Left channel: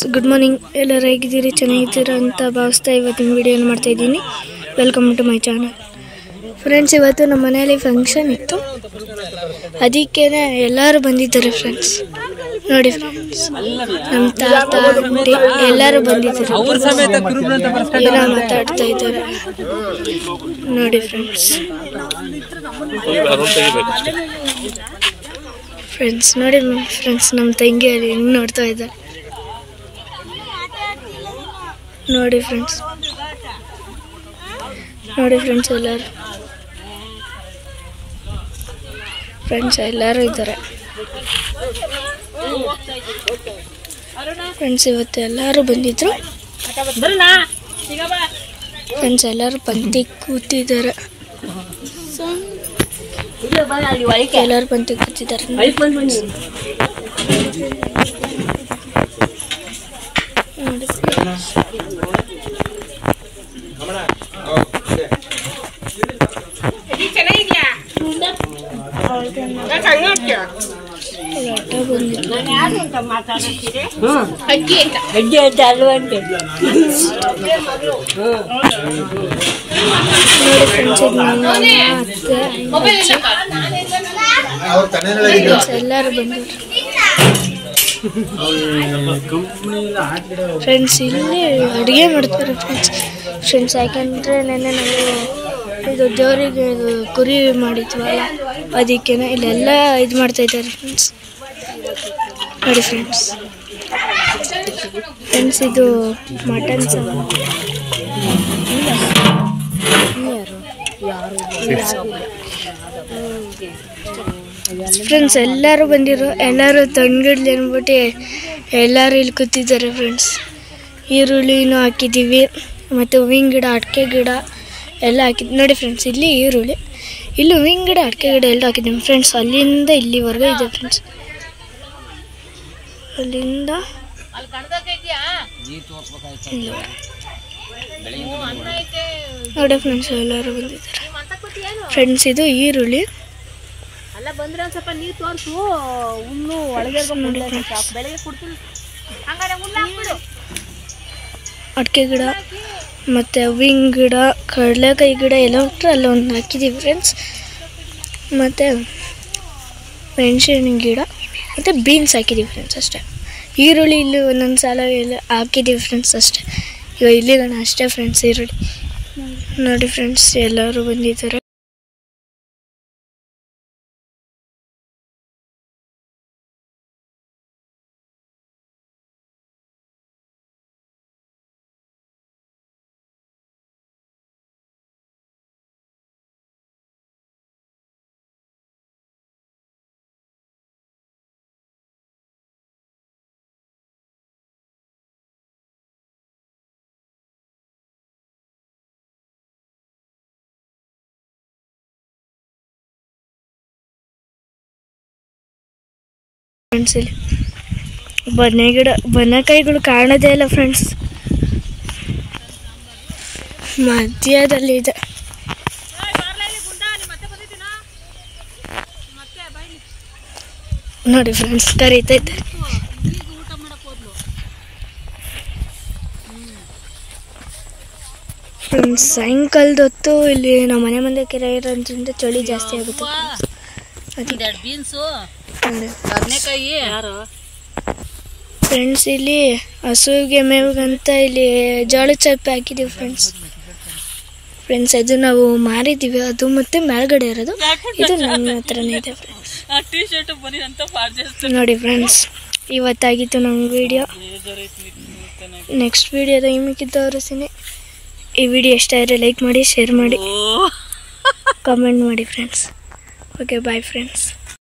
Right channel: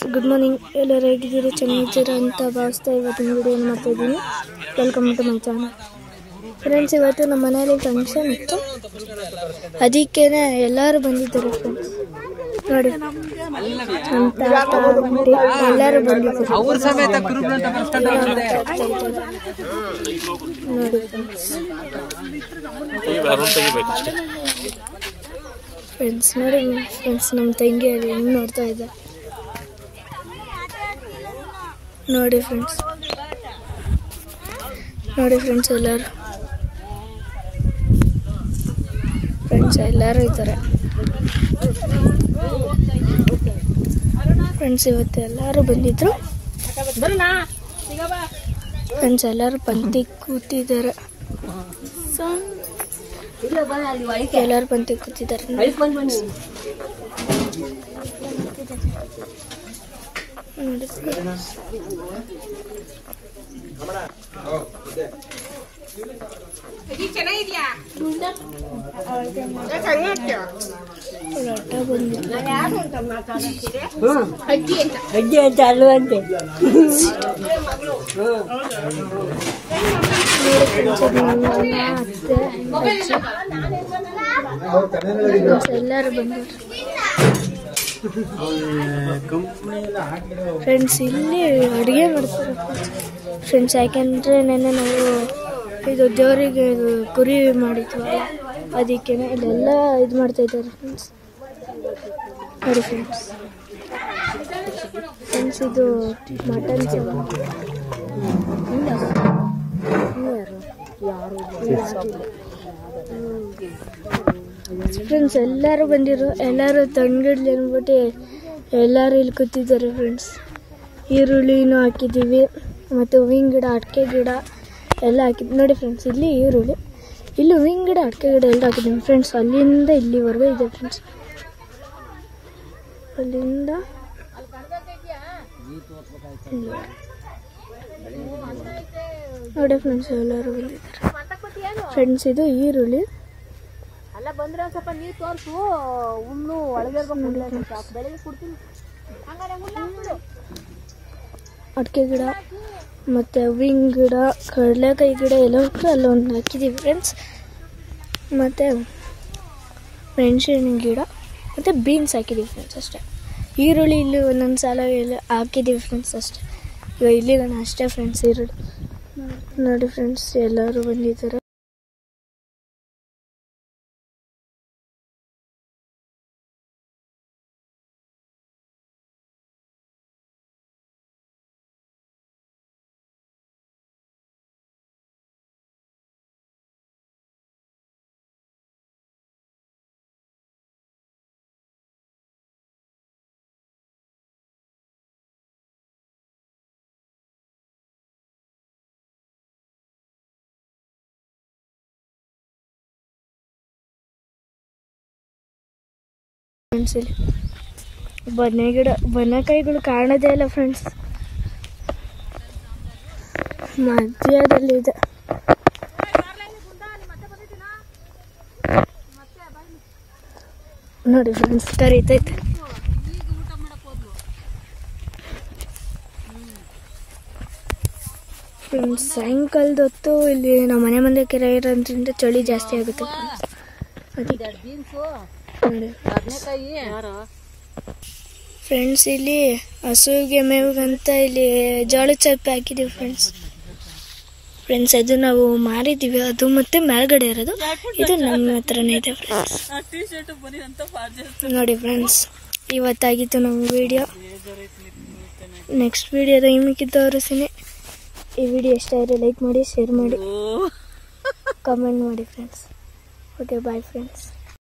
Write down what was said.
Friends, good morning. ಎಲ್ಲರೂ ಹೇಗಿದ್ದೀರಿ? ಚೆನ್ನಾಗಿದ್ದೀರಾ ಅಂತ ಭಾವಿಸ್ತಾ ಇವತ್ತಿನ ವಿಡಿಯೋನ ಮಾಡ್ತಾಯಿದ್ದೀನಿ. Welcome to my channel. Friends, ಇವತ್ತು ನಮ್ಮ ಮನೆಯಲ್ಲಿ ಫಂಕ್ಷನ್ ಇತ್ತು, ಅದಕ್ಕೆ ಎಲ್ಲರೂ ಬಂದಿದ್ದಾರೆ ಫ್ರೆಂಡ್ಸ್. ನೋಡಿ ಫ್ರೆಂಡ್ಸ್, ನಮ್ಮ ತಾತ ಆಂಟಿ ಎಲ್ಲರೂ ಬಂದಿದ್ದಾರೆ, ಎಲ್ಲ ಮಾತಾಡ್ತಾ ಇದ್ದಾರೆ. ನೋಡಿ ಫ್ರೆಂಡ್ಸ್, ನೋಡಿ ಫ್ರೆಂಡ್ಸ್, ನಮ್ಮ ತಂಗಿ ಅಲ್ಲಿ ಹೆಂಗೆ ನೋಡ್ತಾ ಇದ್ದಾರೆ. ನೋಡಿ ಫ್ರೆಂಡ್ಸ್, ಎಲ್ಲರೂ ಇದ್ದಾರೆ ಫ್ರೆಂಡ್ಸ್. ಇವತ್ತು ಎಲ್ಲರೂ ಬಂದಿದ್ರು ಫ್ರೆಂಡ್ಸ್, ಎಲ್ಲರೂ ಪಂಕ್ತಿ ಕೂತಿದ್ದಾರೆ. ಎಲ್ಲರೂ ಪಂಕ್ತಿ ಕೂತಿದ್ದಾರೆ. ಎಲ್ಲರೂ ಬಂದರು ಫ್ರೆಂಡ್ಸ್. ಇಲ್ಲಿ ಅಡುಗೆ ಮಾಡ್ತಾರೆ ಫ್ರೆಂಡ್ಸ್. ಯಾಕಂದರೆ ನೆನ್ನೆ ನಾವು ಇದು ದೇವರಿಗೆ ಕುರಿ ಮಾಡಿದ್ವಲ್ಲ, ಅದಕ್ಕೆ ಇಲ್ಲೆಲ್ಲ ಇದು ಮಾಡ್ತಾಯಿದ್ದಾರೆ ಫ್ರೆಂಡ್ಸ್. ನೋಡಿ ಫ್ರೆಂಡ್ಸ್, ಇದು ಮಟನ್ ಫ್ರೆಂಡ್ಸ್. ಎಲ್ಲರೂ ಬಂದಿರು, ಎಲ್ಲರೂ ತಂಗಿಡ್ಲಿ ಅಂದ್ಬಿಟ್ಟು ಎಲ್ಲರೂ ಇಲ್ಲಿ ಕೂತಿದ್ದಾರೆ ಫ್ರೆಂಡ್ಸ್. ಈರುಳ್ಳಿನೂ ಹಾಕಿದ್ದೀವಿ, ಮತ್ತು ಹೂವಿನ ಗಿಡ, ಅಡಿಕೆ ಗಿಡ ಎಲ್ಲ ಹಾಕಿದ್ವಿ. ನೋಡಿ ಫ್ರೆಂಡ್ಸ್, ಇಲ್ಲಿ ಈರುಳ್ಳಿ, ಇಲ್ಲಿ ಹೂವಿನ ಗಿಡ, ಅಡಿಕೆ ಗಿಡ ಎಲ್ಲ ಹಾಕಿದ್ದೀವಿ ಫ್ರೆಂಡ್ಸ್. ಅಲ್ಲಿಂದ ಇಲ್ಲಿವರೆಗೂ ಇದೆ ಫ್ರೆಂಡ್ಸ್. ಅಲ್ಲಿಂದ ನೋಡಿ ಫ್ರೆಂಡ್ಸ್, ಎಲ್ಲರೂ ಬಂದಿದ್ದಾರೆ ಫ್ರೆಂಡ್ಸ್. ಇದು ಈರುಳ್ಳಿ, ಅಡಿಕೆ ಗಿಡ ಮತ್ತು ಹೂವಿನ ಗಿಡ, ಕಡಲೆಕಾಯಿ ಗಿಡ ಎಲ್ಲ ಅಲ್ಲ ಒಂದು ಹಾಕಿದ್ದೀವಿ ಫ್ರೆಂಡ್ಸ್. ಮತ್ತು ಮೆಣಸಿನ ಗಿಡ ಮತ್ತು ಬೀನ್ಸ್ ಹಾಕಿದ್ದೀವಿ ಫ್ರೆಂಡ್ಸ್ ಅಷ್ಟೇ. ಈರುಳ್ಳಿ ಇಲ್ಲಿ ಒಂದೊಂದು ಸಲ ಎಲ್ಲ ಹಾಕಿದ್ದೀವಿ ಫ್ರೆಂಡ್ಸ್ ಅಷ್ಟೇ. ಇವಾಗ ಇಲ್ಲಿಗಣ ಅಷ್ಟೇ ಫ್ರೆಂಡ್ಸ್ ಈರುಳ್ಳಿ. ನೋಡಿ ಫ್ರೆಂಡ್ಸ್, ಎಲ್ಲರೂ ಬಂದಿದ್ದಾರೆ. ಫ್ರೆಂಡ್ಸ್, ಇಲ್ಲಿ ಬದನೆಕಾಯಿಗಳು ಕಾಣೋದೇ ಇಲ್ಲ ಫ್ರೆಂಡ್ಸ್, ಮಧ್ಯದಲ್ಲಿ ಇದೆ. ನೋಡಿ ಫ್ರೆಂಡ್ಸ್, ಕರೀತೈತೆ ಫ್ರೆಂಡ್ಸ್. ಸಾಯಂಕಾಲದ ಹೊತ್ತು ಇಲ್ಲಿ ನಮ್ಮ ಮನೆ ಮುಂದೆ ಕೆರೆ ಇರೋದ್ರಿಂದ ಚಳಿ ಜಾಸ್ತಿ ಆಗುತ್ತೆ ಫ್ರೆಂಡ್ಸ್. ಇಲ್ಲಿ ಹಸುವಿಗೆ ಮೇವಿಗಂತ ಇಲ್ಲಿ ಜೋಳದ ಚಪ್ಪೆ ಹಾಕಿದ್ದೀವಿ ಫ್ರೆಂಡ್ಸ್. ಅದು ನಾವು ಮಾರಿದ್ದೀವಿ, ಅದು ಮತ್ತೆ ಮೇಲ್ಗಡೆ ಇರೋದು, ಇದು ನಮ್ಮ ಹತ್ರನೇ ಇದೆ ಫ್ರೆಂಡ್ಸ್. ನೋಡಿ ಫ್ರೆಂಡ್ಸ್, ಇವತ್ತಾಗಿತ್ತು ನಮ್ಮ ವಿಡಿಯೋ. ನೆಕ್ಸ್ಟ್ ವಿಡಿಯೋದ ನಿಮಗಿದ್ದ ತೋರಿಸ್ತೀನಿ. ಈ ವಿಡಿಯೋ ಇಷ್ಟ ಆದರೆ ಲೈಕ್ ಮಾಡಿ, ಶೇರ್ ಮಾಡಿ, ಕಮೆಂಟ್ ಮಾಡಿ ಫ್ರೆಂಡ್ಸ್. Okay, bye friends.